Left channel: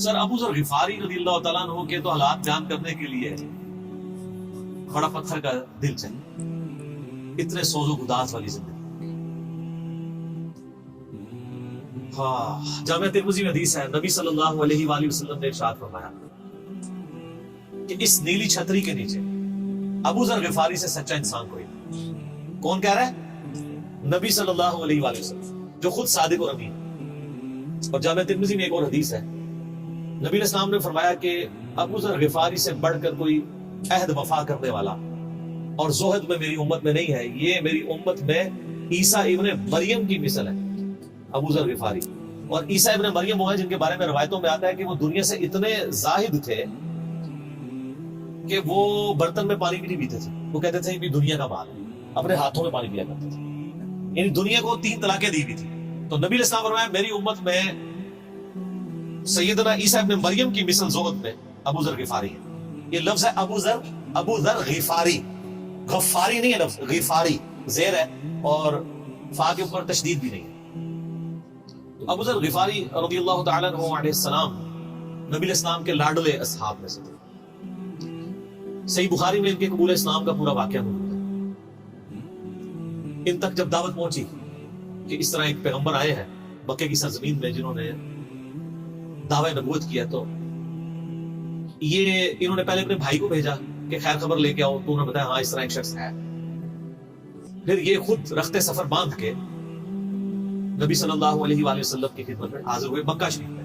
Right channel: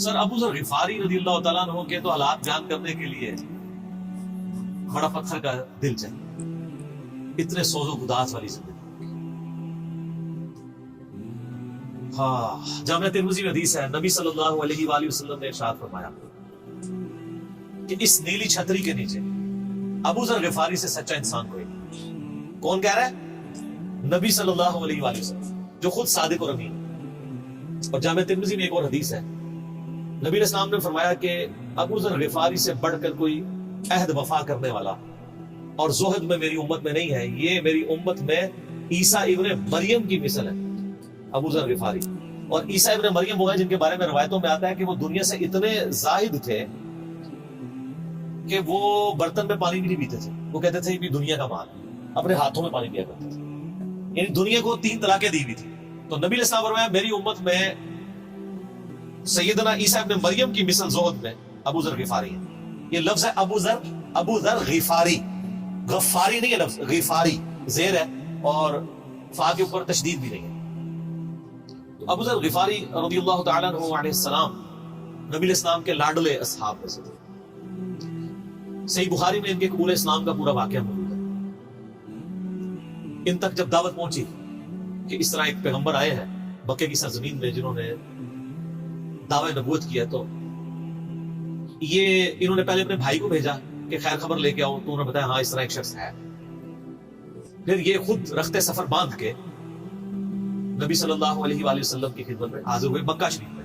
سر ابو ذر غفاری رضی اللہ تعالیٰ عنہ کے تو حالات بیان کرنے کے لیے بڑا پتھر کا دل چاہیے، اتنے سوز و گداز والی زندگی۔ ہاں، جامعہ ترمذی میں حدیث ہے، نبی صلی اللہ علیہ وآلہ وسلم نے ارشاد فرمایا کہ اس نیلی چھتری کے نیچے ابو ذر غفاری سے سچا انسان کوئی نہیں۔ کون کہہ رہا ہے؟ نبی صلی اللہ علیہ وآلہ وسلم، جو خود صادق اور امین۔ اور جامعہ ترمذی میں ایک اور حدیث ہے، نبی علیہ السلام نے فرمایا کہ ابو ذر غفاری سے بڑھ کر کوئی عہد وفا کرنے والا اور زہد میں میری امت میں نہیں ہے، یہ میری امت میں عیسیٰ ابن مریم کی مثل ہے۔ ابو ذر غفاری اور عیسیٰ ابن مریم وہ ہیں جن کے بارے میں روایتوں میں آتا ہے کہ وہ دنیا سے اتنے زاہد تھے کہ وہ برتن میں پانی بھی نہیں پیتے تھے، وہ کہتے تھے یہ دنیا کا مال ہے، اپنے ہاتھوں میں پانی پیا کرتے تھے، یعنی دنیا کو 3 طلاقیں دی ہوئی تھی۔ تو نبی علیہ السلام فرمایا میری امت میں سیدنا عیسیٰ ابن مریم کی مثل زہد میں ابو ذر غفاری ہے۔ یہ لفظ ہے ابو ذر غفاری، غفاری نہیں ہے لفظ، غفاری زیر ہے اور فا کے اوپر تشدید بھی نہیں ہے۔ تو ابو ذر غفاری رضی اللہ تعالیٰ عنہ علیہ السلام نبی علیہ السلام کے لاڈلے اصحاب میں سے تھے۔ صحیح بخاری میں ان کے قبول اسلام کا پورا واقعہ موجود ہے۔ ان تک جب دعوت پہنچی کہ اس طرح ایک پیغمبر آئے ہیں مکے کی سرزمین میں جنہوں نے دعوی نبوت کیا، تو یہ انہوں نے پہلے اپنے بھائی کو بھیجا کہ خیر خبر لے کے آؤ، تو انہوں نے بتایا ہاں اس طرح ایک شخص ہے۔ پھر یہ خود رخت سفر باندھ کے نبی صلی اللہ علیہ وآلہ وسلم کی خدمت میں حاضر ہوئے مکہ شریف میں۔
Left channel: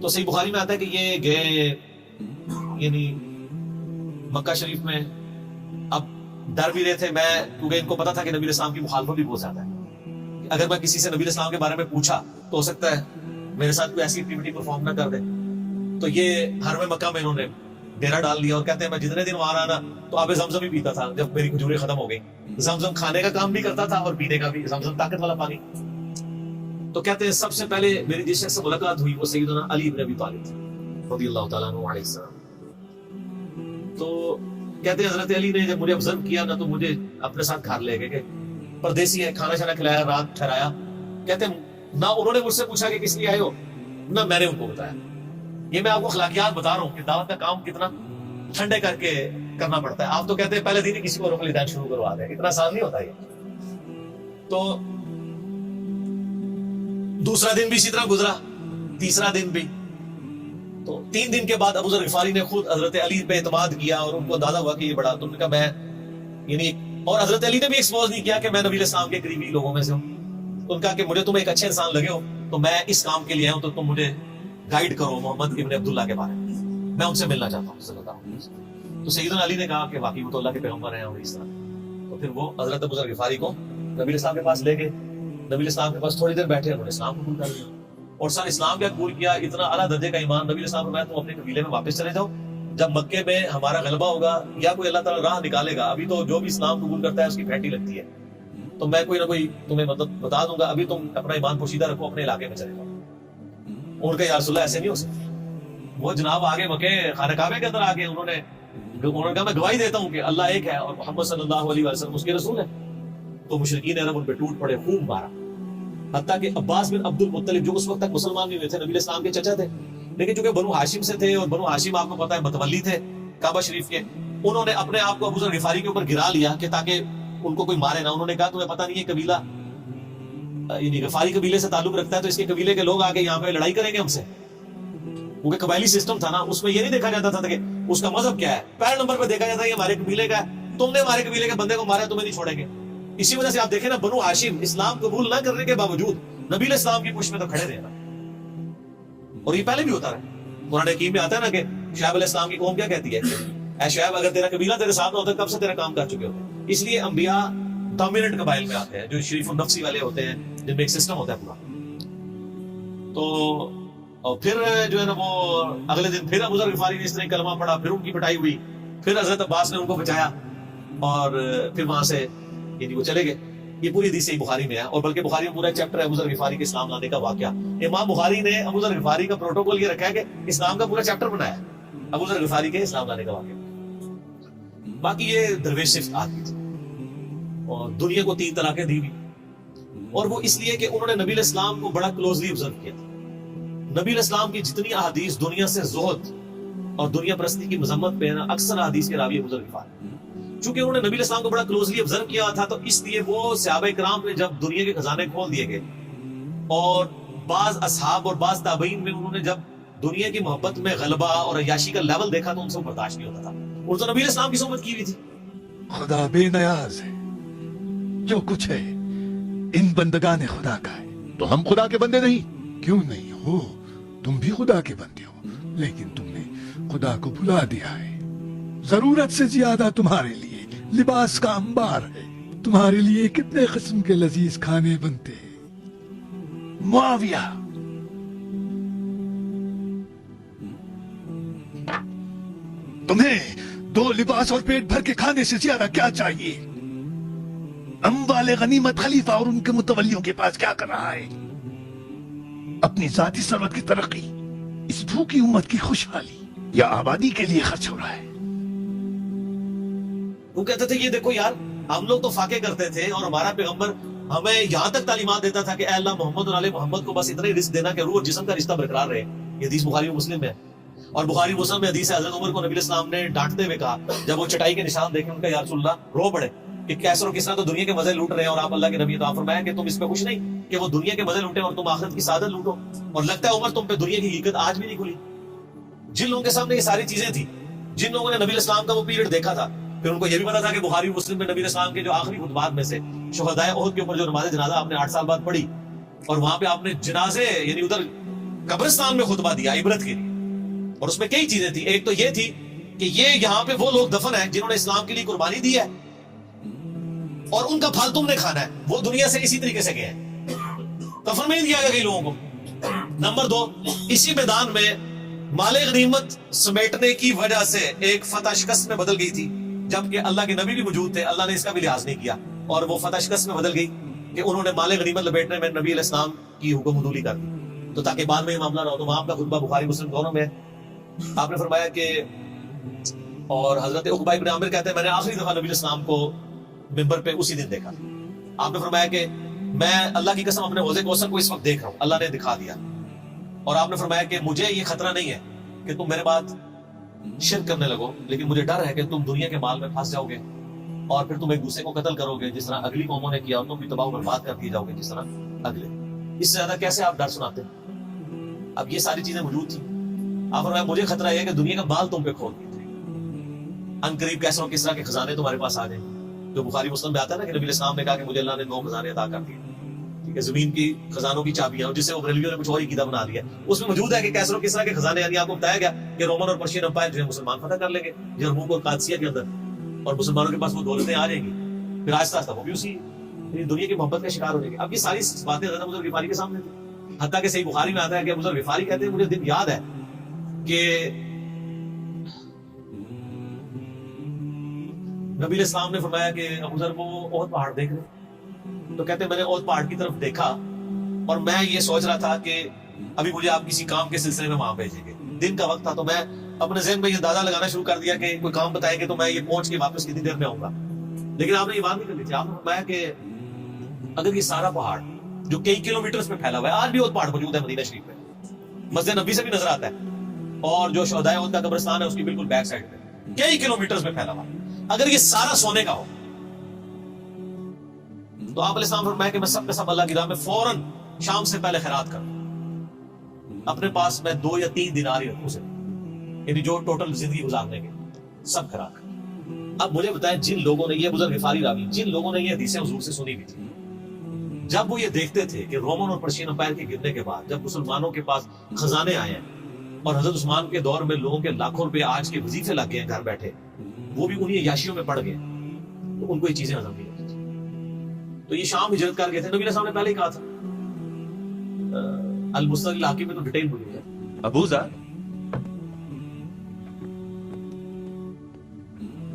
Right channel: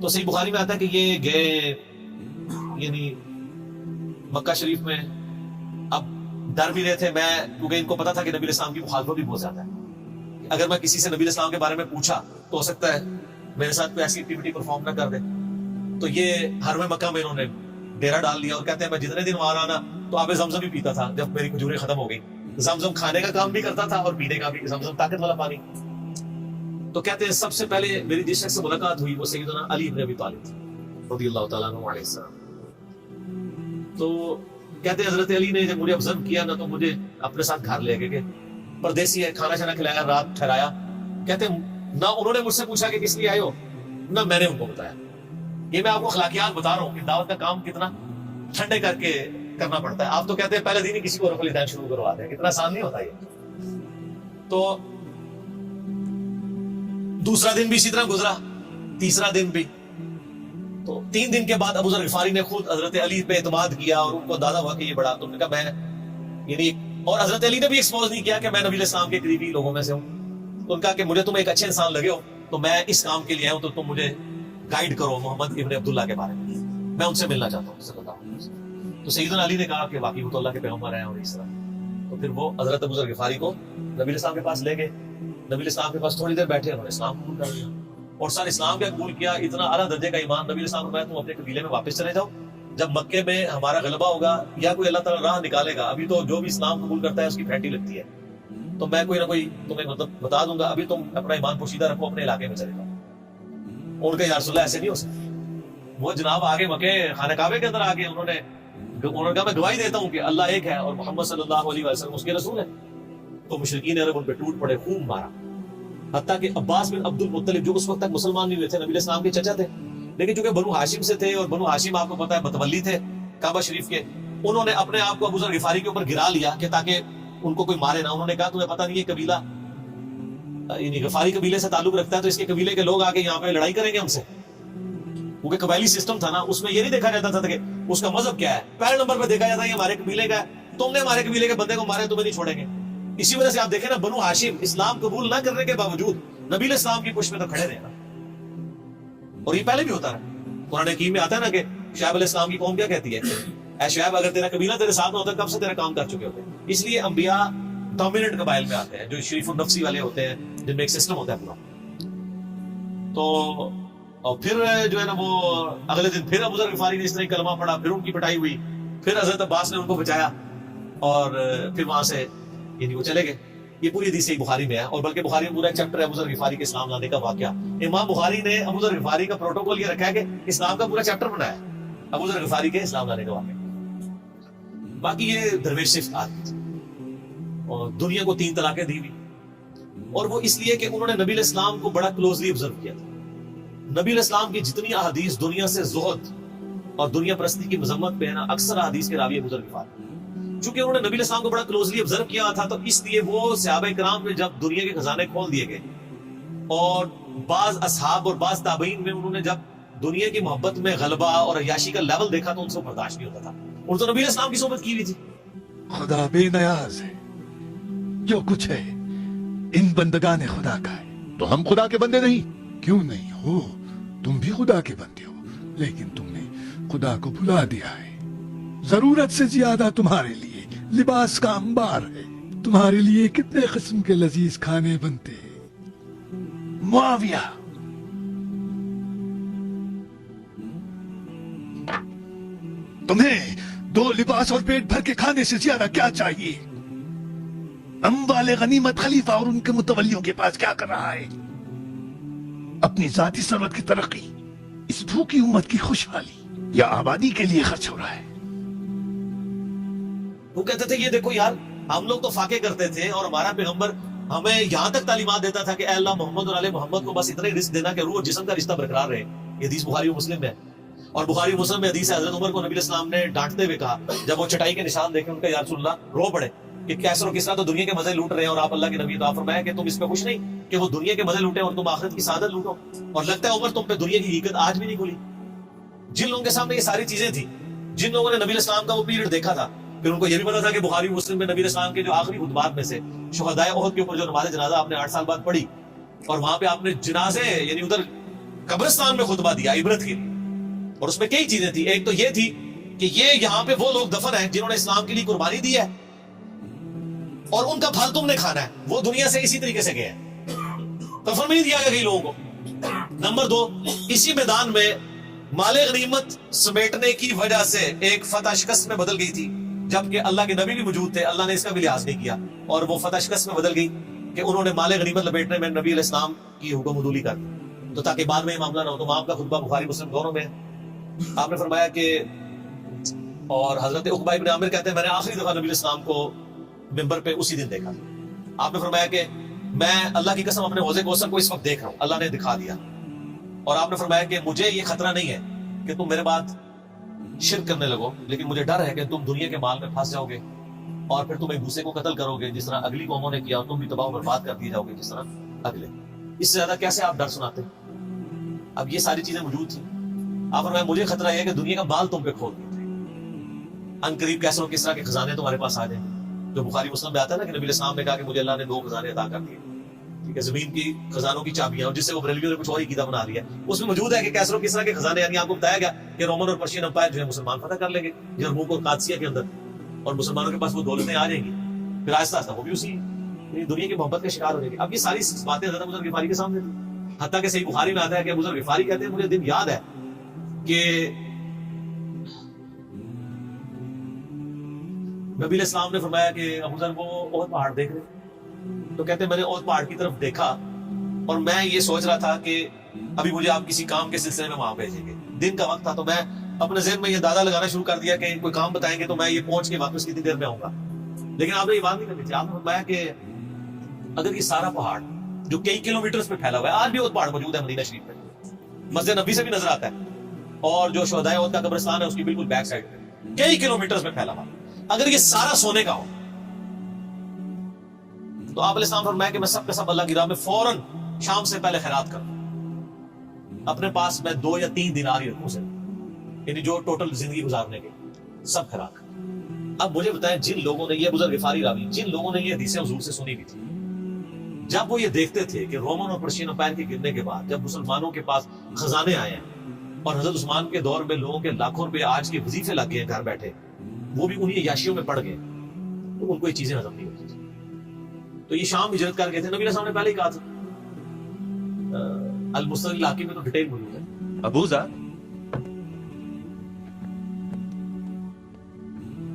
تو صحیح بخاری میں آتا ہے کہ یہ گئے، یعنی مکہ شریف میں اب ڈر بھی رہے تھے، میں کیونکہ ان کو پتا تھا کہ نبی علیہ السلام کی مخالفت بھی بہت زیادہ ہے، اگر میں کسی سے نبی علیہ السلام کے بارے میں پوچھا تو ہو سکتا ہے میرے ساتھ کوئی ایسی ایکٹیویٹی پرفارم نہ کر دے۔ تو یہ حرم مکہ میں انہوں نے ڈیرا ڈال لیا اور کہتے ہیں میں جتنے دن وہاں رہا نا تو آب زمزم بھی پیتا تھا، جب میری کھجوریں ختم ہو گئی۔ زمزم کھانے کا کام بھی کرتا تھا اور پینے کا بھی، زمزم طاقت والا پانی۔ تو کہتے ہیں سب سے پہلے میری جس شخص سے ملاقات ہوئی وہ سیدنا علی بن ابی طالب تھے رضی اللہ تعالیٰ عنہ علیہ السلام۔ تو کہتے ہیں حضرت علی نے جب مجھے ابزرو کیا نا تو مجھے اپنے ساتھ گھر لے گئے کہ پردیسی ہے، کھانا شانا کھلایا، رات ٹھہرایا۔ کہتے ہیں نہ انہوں نے مجھ سے پوچھا کہ کس لیے آئے ہو، نہ میں نے ان کو بتایا۔ یہ میں آپ کو اخلاقیات بتا رہا ہوں کہ دعوت کا کام کتنا ٹھنڈے کر کے کرنا پڑتا ہے۔ آپ تو کہتے ہیں پہلے دن ہی کسی کو رفع الدین شروع کروا دیں، اتنا آسان نہیں ہوتا یہ۔ تو دوسرا دن بھی اسی طرح گزرا، تیسرا دن بھی۔ تو 3 دن کے بعد ابو ذر غفاری نے خود حضرت علی پہ اعتماد کیا اور ان کو اندازہ ہوا کہ یہ بڑا، تم نے کہا میں یعنی، اور حضرت علی نے بھی ایکسپوز نہیں کیا کہ میں نبی علیہ السلام کے قریبی لوگوں میں سے ہوں۔ تو ان کا کہ مجھے تم ایک اچھے انسان لگے ہو تو میں اس کام کے لیے آیا ہوں، تو تم مجھے گائیڈ کرو محمد ابن عبداللہ کے بارے میں، میں ان سے ملنا چاہتا ہوں صلی اللہ علیہ وسلم۔ تو سیدنا علی نے کہا کہ واقعی وہ تو اللہ کے پیغمبر ہیں اور اس طرح۔ تو پھر وہ حضرت ابو ذر غفاری کو نبی علیہ السلام کے پاس لے گئے، نبی علیہ السلام کے پاس تھوڑی دیر بیٹھے، انہوں نے اسلام قبول کر لیا اور سر اسلام کیا قبول کیا، اتنا اعلیٰ درجے کا ایمان۔ نبی علیہ السلام نے فرمایا تم اپنے قبیلے میں واپس چلے جاؤ، جب مکے میں ہمارا غلبہ ہوگا یا کوئی اللہ تعالیٰ راہ نکالے گا، ابھی تو جو بھی اسلام قبول کرتا ہے اس کی گھنٹی لگتی ہے، تو میں کوئی نہ کوئی تمہیں مطلب بتا دوں گا، ابھی تم اپنا ایمان پوشیدہ رکھو، اپنے علاقے میں چلے جاؤ۔ ان کا یا رسول اللہ ایسے نہیں ہو سکتا۔ وہ جناب آگے مکے خانہ کعبے کے اندر آگے انہوں نے کہا میں گواہی دیتا ہوں کہ اللہ ایک ہے اور محمد صلی اللہ علیہ وسلم اس کے رسول ہیں۔ تو مشرکین عرب ان پہ ٹوٹ پڑے، خوب مارا، حتیٰ کہ عباس بن عبد المطلب جو اس وقت تک مسلمان نہیں ہوئے تھے، نبی علیہ السلام کے چچا تھے، لیکن چونکہ بنو ہاشم سے تھے اور بنو ہاشم آپ کو پتا ہے متولی تھے کعبہ شریف کے، انہوں نے اپنے آپ کو ابو ذر غفاری کے اوپر گرا لیا کہ تاکہ ان کو کوئی مارے نہ۔ انہوں نے کہا تمہیں پتہ نہیں ہے قبیلہ یعنی غفاری قبیلے سے تعلق رکھتا ہے تو اس کے قبیلے کے لوگ آگے یہاں پہ لڑائی کریں گے ہم سے، کیونکہ قبائلی سسٹم تھا نا، اس میں یہ نہیں دیکھا جاتا تھا کہ اس کا مذہب کیا ہے، پہلے نمبر پہ دیکھا جاتا ہے کہ ہمارے قبیلے کا ہے، تم نے ہمارے قبیلے کے بندے کو مارا تمہیں نہیں چھوڑیں گے۔ اسی وجہ سے آپ دیکھیں نا بنو ہاشم اسلام قبول نہ کرنے کے باوجود نبی علیہ السلام کی پشت میں تو کھڑے رہے نا، اور یہ پہلے بھی ہوتا ہے۔ قرآن حکیم میں آتا ہے نا کہ شعیب علیہ السلام کی قوم کیا کہتی ہے، اے شعیب اگر تیرا قبیلہ تیرے ساتھ ہوتا کب سے تیرا کام کر چکے ہوتے۔ اس لیے انبیاء ڈومیننٹ قبائل میں آتے ہیں جو شریف النفسی والے ہوتے ہیں، جن میں ایک سسٹم ہوتا ہے پورا۔ تو اور پھر جو ہے نا وہ اگلے دن پھر ابو ذر غفاری نے اس طرح کلمہ پڑھا، پھر ان کی پٹائی ہوئی، پھر حضرت عباس نے ان کو بچایا اور پھر وہاں سے یعنی وہ چلے گئے۔ یہ پوری حدیث صحیح بخاری میں ہے، اور بلکہ بخاری میں پورا ایک چیپٹر ہے ابو ذر غفاری کے اسلام لانے کا واقعہ۔ امام بخاری نے ابو ذر غفاری کا پروٹوکول یہ رکھا ہے کہ اسلام کا پورا چیپٹر بنایا ہے ابو ذر غفاری کے اسلام لانے کا واقعہ۔ باقی یہ درویش صفت آدمی تھے اور دنیا کو 3 طلاقیں دی ہوئی، اور وہ اس لیے کہ انہوں نے نبی علیہ السلام کو بڑا کلوزلی آبزرو کیا تھا۔ نبی علیہ السلام کی جتنی احادیث دنیا سے زہد اور دنیا پرستی کی مذمت پہ نا، اکثر احادیث کے راوی ابو ذر غفاری، چونکہ انہوں نے نبی علیہ السلام کو بڑا کلوزلی آبزرو کیا تھا، تو اس لیے وہ صحابہ کرام میں جب دنیا کے خزانے کھول دیے گئے اور بعض اصحاب اور بعض تابعین میں انہوں نے جب دنیا کی محبت میں غلبہ اور عیاشی کا لیول دیکھا تو ان سے برداشت نہیں ہوتا تھا. انہوں تو نبی علیہ السلام کی صحبت کی ہوئی تھی. خدا بے نیاز ہے، جو کچھ ہے ان بندگان خدا کا ہے. تو ہم خدا کے بندے نہیں؟ کیوں نہیں ہو، تم بھی خدا کے بندے ہو، لیکن تم نے خدا کو بھلا دیا ہے. ضرورت سے زیادہ تمہارے لیے لباس کا انبار ہے، تمہارے لیے کتنے قسم کے لذیذ کھانے بنتے ہیں. معاویہ، تمہیں 2 لباس اور پیٹ بھر کے کھانے سے زیادہ کیا چاہیے؟ اموال غنیمت خلیفہ اور ان کے متولیوں کے پاس کیا کر رہا ہے؟ اپنی ذاتی ثروت کی ترقی، اس بھوکی امت کی خوشحالی یا آبادی کے لیے خرچ ہو رہا ہے؟ وہ کہتے تھے یہ دیکھو یار، ہم لوگ تو فاقے کرتے تھے اور ہمارا پیغمبر ہمیں یہاں تک تعلیمات دیتا تھا کہ اے اللہ محمد اور آل محمد کو بس اتنا ہی رزق دینا کہ روح اور جسم کا رشتہ برقرار رہے. یہ حدیث بخاری و مسلم ہے. اور بخاری و مسلم میں حدیث ہے، حضرت عمر کو نبی علیہ السلام نے ڈانٹتے ہوئے کہا جب وہ چٹائی کے نشان دیکھے ان کا، یا رسول اللہ، رو پڑے کہ کیسر و کسرا تو دنیا کے مزے لوٹ رہے ہیں اور آپ اللہ کے نبی. تو آپ فرمایا کہ تم اس پہ خوش نہیں کہ وہ دنیا کے مزے لوٹیں اور تم آخرت کی سعادت لوٹو. اور لگتا ہے عمر تم پہ دنیا کی حقیقت آج بھی نہیں کھلی. جن لوگوں کے سامنے یہ ساری چیزیں تھیں، جن لوگوں نے نبی علیہ السلام کا وہ پیریڈ دیکھا تھا، پھر ان کو یہ بھی پتا تھا کہ بخاری مسلم میں نبی علیہ السلام کے جو آخری خطبات میں سے شہدائے احد کے اوپر جو نماز جنازہ آپ نے 8 سال بعد پڑھی اور وہاں پہ آپ نے جنازے یعنی ادھر قبرستان میں خطبہ دیا عبرت کے، اور اس میں کئی چیزیں تھی. ایک تو یہ تھی کہ یہ یہاں پہ وہ لوگ دفن ہیں جنہوں نے اسلام کے لیے قربانی دی ہے اور ان کا پھل تم نے کھانا ہے. وہ دنیا سے اسی طریقے سے گئے ہیں، دفن میں نہیں دیا گیا کئی لوگوں کو. نمبر 2، اسی میدان میں مال غنیمت سمیٹنے کی وجہ سے ایک فتح شکست میں بدل گئی تھی، جبکہ اللہ کے نبی بھی موجود تھے. اللہ نے اس کا بھی لحاظ نہیں کیا اور وہ فتح شکست میں بدل گئی کہ انہوں نے مال غنیمت لپیٹنے میں نبی علیہ السلام کی حکم عدولی کر دی، تو تاکہ بعد میں یہ معاملہ نہ ہو. تو وہاں کا خطبہ بخاری مسلم دونوں میں آپ نے فرمایا کہ، اور حضرت عقبہ ابن عامر کہتے ہیں میں نے آخری دفعہ نبی علیہ السلام کو ممبر پہ اسی دن دیکھا. آپ نے فرمایا کہ میں اللہ کی قسم اپنے حوضے کوثر کو اس وقت دیکھ رہا ہوں، اللہ نے دکھا دیا. اور آپ نے فرمایا کہ مجھے یہ خطرہ نہیں ہے کہ تم میرے بعد شرک کرنے لگو، لیکن مجھے ڈر ہے کہ تم دنیا کے مال میں پھنس جاؤ گے اور پھر تم ایک دوسرے کو قتل کرو گے جس طرح اگلی قوموں نے کیا، اور تم بھی تباہ و برباد کر دیے جاؤ گے جس طرح اگلے. اس سے زیادہ کیسے آپ ڈر سناتے؟ اب یہ ساری چیزیں موجود تھیں. آپ فرمایا مجھے خطرہ ہے کہ دنیا کا مال تم پہ کھول دیتے ان قریب کیسر و کسرا کے خزانے تمہارے پاس آ جائیں، جو بخاری مسلم میں آتا ہے نا کہ نبی علیہ السلام نے کہا کہ مجھے اللہ نے 2 خزانے عطا کر دیے، ٹھیک ہے، زمین کی خزانوں کی چابیاں، جس سے وہ بریلویوں نے کچھ اور ہی قیدا بنا دیا. اس میں موجود ہے کہ کیسر و کسرا کے خزانے، یعنی آپ کو بتایا گیا کہ رومن اور پرشین امپائر جو ہے مسلمان فتح کر لیں گے یرموک اور قادسیہ کے اندر، اور مسلمانوں کے پاس وہ دولتیں آ جائیں گی، پھر آہستہ آہستہ وہ بھی اسی دنیا کی محبت کا شکار ہو جائے گی. اب یہ ساری باتیں حضرت ابو ذر غفاری کے سامنے تھی. حتیٰ کہ صحیح بخاری میں آتا ہے کہ ابو ذر غفاری کہتے ہیں مجھے دن یاد ہے کہ نبی علیہ السلام نے فرمایا کہ ابو ذر وہ احد پہاڑ دیکھ رہے، تو کہتے ہیں میں نے احد پہاڑ کی طرف دیکھا اور میں یہ سوچ رہا تھا کہ ابھی مجھے آپ کسی کام کے سلسلے میں وہاں بھیجیں گے. دن کا وقت تھا، تو میں اپنے ذہن میں یہ اندازہ لگانا شروع کر دیا کہ کوئی کام بتائیں گے تو میں یہ پہنچ کے واپس کتنی دیر میں آؤں گا. لیکن آپ نے یہ بات نہیں کرنی تھی. آپ نے فرمایا کہ اگر یہ سارا پہاڑ جو کئی کلومیٹرز پہ پھیلا ہوا ہے، آج بھی احد پہاڑ موجود ہے مدینہ شریف میں، مسجد نبی سے بھی نظر آتا ہے، اور جو شہدائے احد کا قبرستان ہے اس کی بالکل بیک سائڈ پہ کئی کلومیٹرز میں پھیلا ہوا، اگر یہ سارا سونے کا ہو تو آپ علیہ السلام فرمایا کہ میں سب کے سب اللہ کی راہ میں فوراً شام سے پہلے خیرات کروں. اپنے پاس میں 2 یا 3 دینار ہی رکھوں سے، یعنی جو ٹوٹل زندگی گزارنے کے سب خیرات کروں. اب مجھے بتائیں جن لوگوں نے، یہ ابو ذر غفاری راوی، جن لوگوں نے یہ حدیثیں حضور سے سنی ہوئی تھی، جب وہ یہ دیکھتے تھے کہ رومن اور پرشین امپائر کے گرنے کے بعد جب مسلمانوں کے پاس خزانے آئے ہیں اور حضرت عثمان کے دور میں لوگوں کے لاکھوں روپے آج کے وظیفے لگ گئے ہیں گھر بیٹھے، وہ بھی انہی عیاشیوں میں پڑ گئے، تو ان کو یہ چیزیں ہضم نہیں ہوتی تھی. تو یہ شام ہجرت کر گئے تھے. نبی علیہ السلام نے پہلے ہی کہا تھا، المستدرک الحاکم میں تو ڈیٹیل موجود ہے. ابو ذر،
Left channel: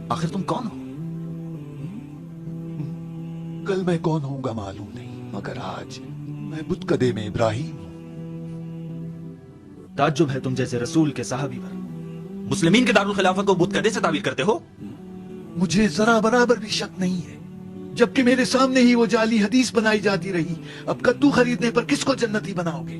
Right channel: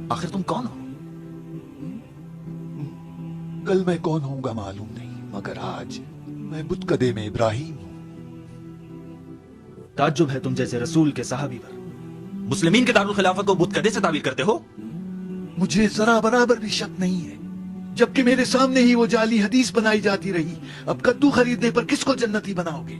آخر تم کون ہو؟ کل میں کون ہوں گا معلوم نہیں، مگر آج میں بت کدے میں ابراہیم ہوں. تعجب ہے تم جیسے رسول کے صحابی پر مسلمین کے دارالخلافہ کو بت کدے سے تعبیر کرتے ہو. مجھے ذرا برابر بھی شک نہیں ہے، جبکہ میرے سامنے ہی وہ جعلی حدیث بنائی جاتی رہی. اب کدو خریدنے پر کس کو جنتی بناؤ گے؟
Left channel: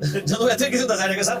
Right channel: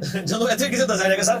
ਜਦੋਂ ਇੱਥੇ ਕਿਸੇ ਦੱਸਿਆ ਜਾਏਗਾ ਸਰ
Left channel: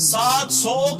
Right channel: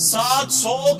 700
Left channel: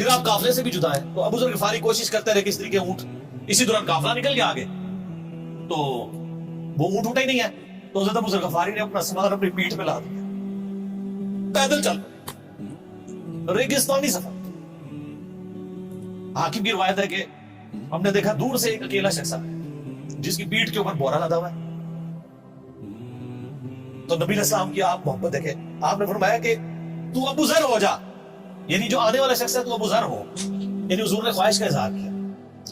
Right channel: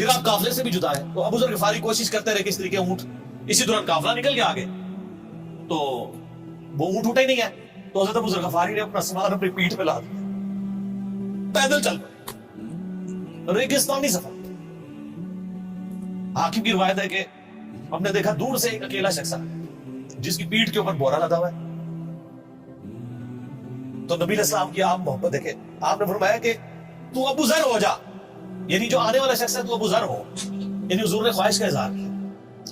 پھر آپ قافلے سے بھی جدا ہے. تو ابو ذر غفاری کوشش کرتے رہے کہ اس طریقے اونٹ, اسی دوران قافلہ نکل گیا آگے, تو وہ اونٹ اٹھا ہی نہیں ہے. تو حضرت ابو ذر غفاری نے اپنا سامان اپنی پیٹھ پہ لا دیا, پیدل چل پڑے, ریگستانی سفر. حاکم کی روایت ہے کہ ہم نے دیکھا دور سے ایک اکیلا شخص جس کی پیٹھ کے اوپر بورا لدا ہوا ہے. تو نبی علیہ السلام کی آپ محبت دیکھیں, آپ نے فرمایا کہ تو ابو ذر ہو جا, یعنی جو آنے والا شخص ہے تو ابو ذر ہو. یعنی حضور نے خواہش کا اظہار کیا.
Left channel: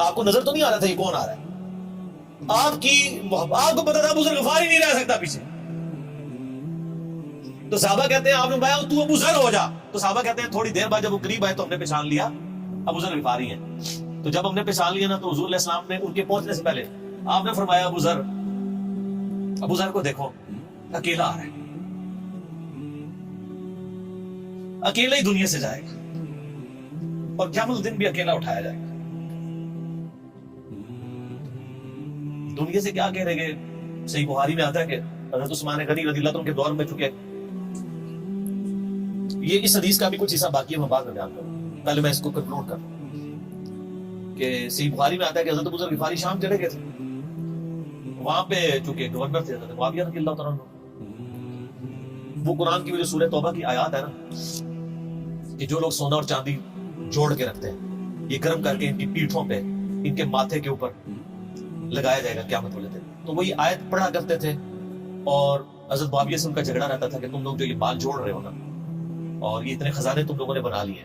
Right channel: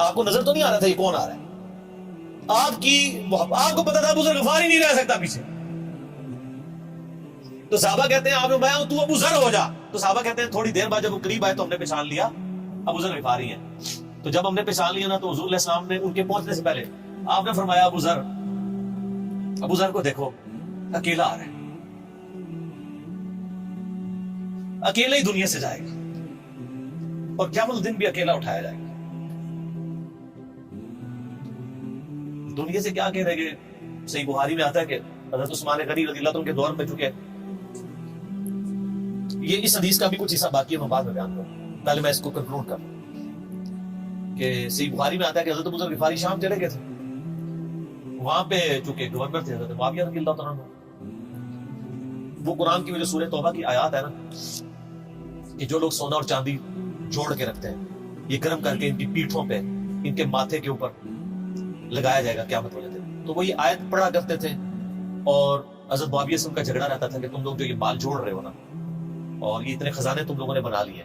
آپ کو نظر تو نہیں آ رہا تھا یہ کون آ رہا ہے, آپ کی محبت, آپ کو پتا تھا ابو ذر غفاری نہیں رہ سکتا پیچھے. تو صحابہ کہتے ہیں آپ نے فرمایا تو ابو ذر ہو جا. تو صحابہ کہتے ہیں تھوڑی دیر بعد جب وہ قریب آئے تو ہم نے پہچان لیا ابو ذر غفاری ہیں. تو جب ہم نے پہچان لیا نا تو حضور علیہ السلام نے ان کے پہنچنے سے پہلے آپ نے فرمایا ابو ذر کو دیکھو اکیلا آ رہا ہے, اکیلا ہی دنیا سے جائے گا اور قیامت دن بھی اکیلا اٹھایا جائے گا. دنیا سے کیا کہہ رہے کہ صحیح بخاری میں آتا ہے کہ حضرت عثمان غنی رضی اللہ عنہ کے دور میں چکے. یہ اس حدیث کا بھی کچھ حصہ باقی ہے, میں بعد میں بیان کروں, پہلے میں اس کو کنکلوڈ کروں کہ صحیح بخاری میں آتا ہے کہ حضرت ابو ذر غفاری شام چلے گئے تھے. وہاں پہ چونکہ گورنر تھے حضرت معاویہ رضی اللہ تعالیٰ عنہ. وہ قرآن کی جو سورہ توبہ کی آیات ہے نا کہ جو لوگ سونا اور چاندی جوڑ کے رکھتے ہیں یہ گرم کر کے ان کی پیٹھوں پہ, ان کے ماتھے کے اوپر لگایا جائے گا قیامت والے دن. تو وہ یہ آیت پڑھا کرتے تھے اور حضرت معاویہ سے ان کا جھگڑا رہتا تھا کہ تم لوگ جو یہ مال جوڑ رہے ہو نا اور یہ اتنے خزانے تم لوگوں نے بنا لیے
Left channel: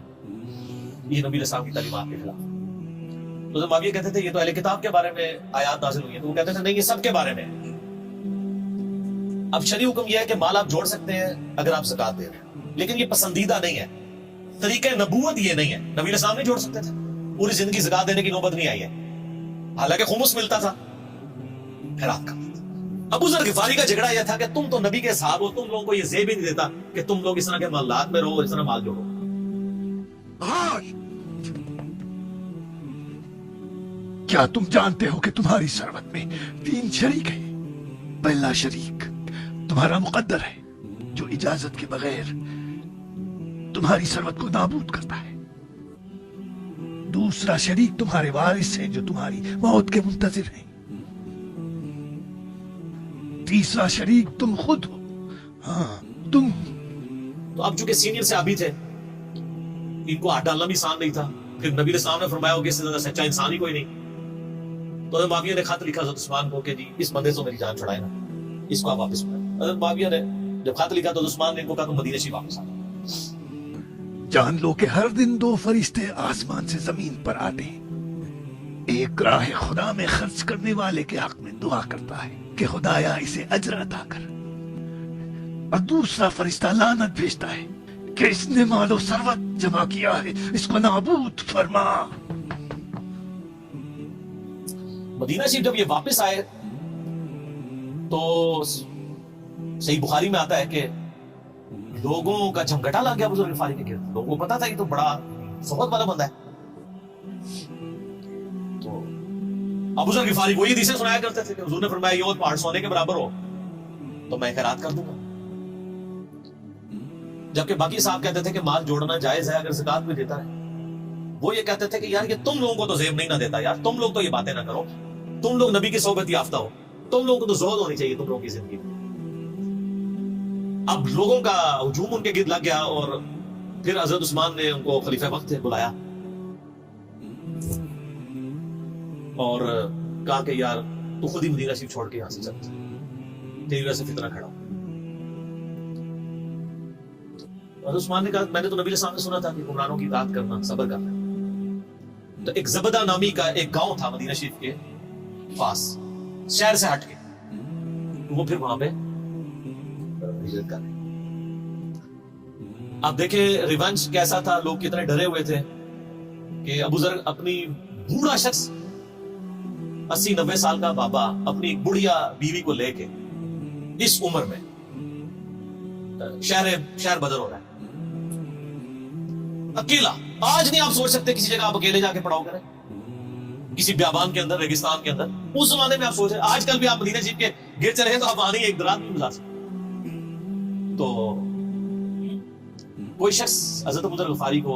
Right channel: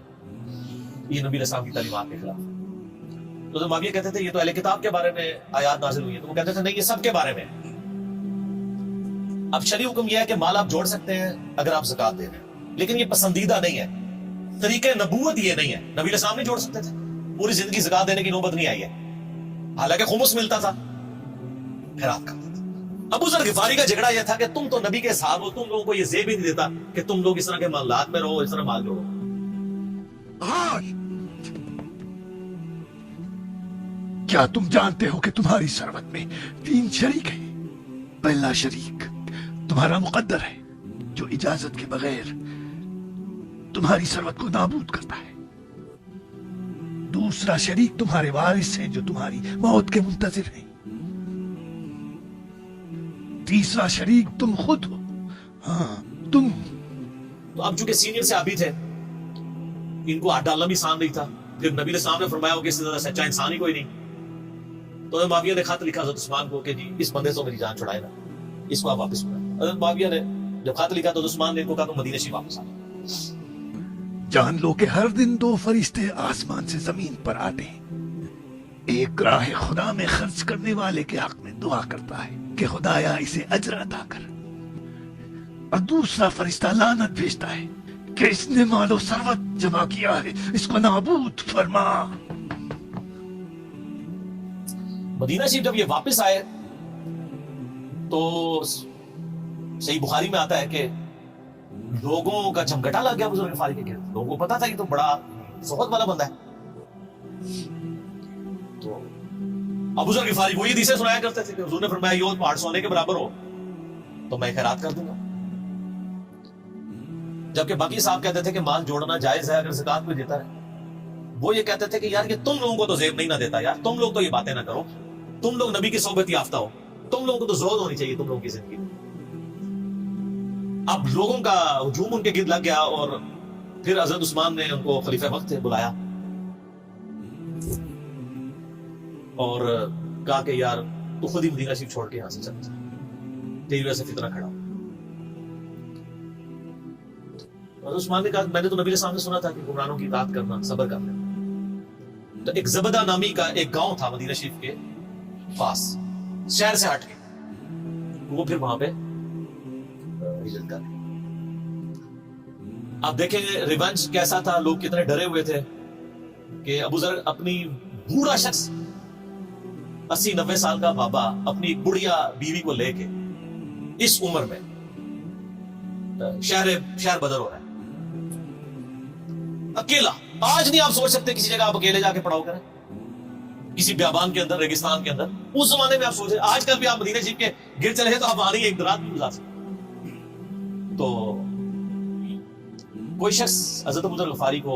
یہ نبی علیہ السلام کی تعلیمات کے خلاف. تو حضرت معاویہ کہتے تھے یہ تو اہل کتاب کے بارے میں آیات نازل ہوئی ہیں. تو وہ کہتے تھے نہیں, یہ سب کے بارے میں. اب شرعی حکم یہ ہے کہ مال آپ جوڑ سکتے ہیں اگر آپ زکات دے رہے ہیں, لیکن یہ پسندیدہ نہیں ہے. طریقہ نبوت یہ نہیں ہے. نبی علیہ السلام نہیں جوڑ سکتے تھے, پوری زندگی زکات دینے کی نوبت نہیں آئی ہے, حالانکہ خمس ملتا تھا. پھر آپ کا ابو ذر غفاری کا جھگڑا یہ تھا کہ تم تو نبی کے صحاب ہو, تم لوگوں کو یہ زیب ہی نہیں دیتا کہ تم لوگ اس طرح کے معاملات میں رہو اور اس طرح مال جوڑو. کیا تم جانتے ہو کہ تمہاری ثروت میں 3 شریک ہیں؟ پہلا شریک تمہارا مقدر ہے جو اجازت کے بغیر تمہاری ثروت کو نابود کرتا ہے. دوسرا شریک تمہارے وارث ہیں جو تمہاری موت کے منتظر ہیں. تیسرا شریک تم خود ہو. ہاں تم. تو اب چونکہ سینئر سے ابھی تھے, ان کو ہاتھ ڈالنا بھی آسان نہیں تھا. پھر نبی علیہ السلام نے فرمایا کہ اس سے زیادہ سچا انسان ہی کوئی نہیں. تو حضرت معاویہ نے خط لکھا حضرت عثمان کو کہ جی اس بندے سے میری جان چھڑائے نا, اس کو آپ واپس بلائیں. حضرت معاویہ نے جب خط لکھا تو عثمان نے ان کو کہا کہ مدینہ شریف واپس آ. جان لو کہ ہر دن 2 فرشتے آسمان سے زمین پر آتے ہیں. ایک راہ خدا میں خرچ کرنے والے کے حق میں دعا کرتا ہے کہ خدایا اسے اجر عطا کر, اور دوسرا فرشتہ لعنت بھیجتا ہے کہ اس نے مال و ثروت جمع کیا ہے, اس کو نابود فرما. مدینہ شریف جب یہ واپس آئے تو صحیح بخاری میں آتا ہے کہ لوگوں کا جھمگٹا لگ گیا ابو ذر غفاری کے گرد. لوگوں کو پتا تھا یہ تو بڑا صحبت والا بندہ ہے. تو ابو ذر غفاری وہ یہ حدیثیں سنایا کرتے تھے کہ حضور نے فرمایا یہ پہاڑ سونے کے برابر ہو تو میں خیرات کر دوں گا. جبکہ باقی صاحب کہتے تھے کہ مال جوڑنا جائز ہے اگر زکات بھی دیتا رہے. وہ یہ کہتے تھے کہ یار یہ تم لوگوں کو تو زیب نہیں نہ دیتا, یار تم لوگ تو یہ باتیں نہ کرو, تم لوگ نبی کی صحبت یافتہ ہو, تم لوگوں کو تو زہد ہونی چاہیے تم لوگوں کی زندگی میں. اب لوگوں کا ہجوم ان کے گرد لگ گیا اور پھر حضرت عثمان نے ان کو خلیفہ وقت بلایا اور کہا کہ یار تو خود ہی مدینہ شریف چھوڑ کے یہاں سے چل, تیری وجہ سے فتنہ کھڑا. حضرت عثمان نے کہا میں نے تو نبی علیہ السلام نے سنا تھا کہ حکمرانوں کی اطاعت کرنا, صبر کرنا. تو ایک زبدہ نامی کا ایک گاؤں تھا مدینہ شریف کے پاس, شہر سے ہٹ کے, تو وہ پھر وہاں پہ ہجرت کر. آپ دیکھیں ریونج کیسا تھا, لوگ کتنے ڈرے ہوئے تھے کہ ابو ذر اپنی بوڑھا شخص 80-90 سال کا بابا اپنی ایک بڑھیا بیوی کو لے کے اس عمر میں شہر بدر ہو رہا ہے اکیلا. آج نہیں آپ سوچ سکتے کسی جگہ آپ اکیلے جا کے پڑاؤ کریں کسی بیابان کے اندر, ریگستان کے اندر. اس زمانے میں آپ سوچیں, آج کل بھی آپ مدینہ شریف کے گر چلے ہیں تو آپ وہاں ایک رات بھی گزار سکتے. تو کوئی شخص حضرت ابو ذر غفاری کو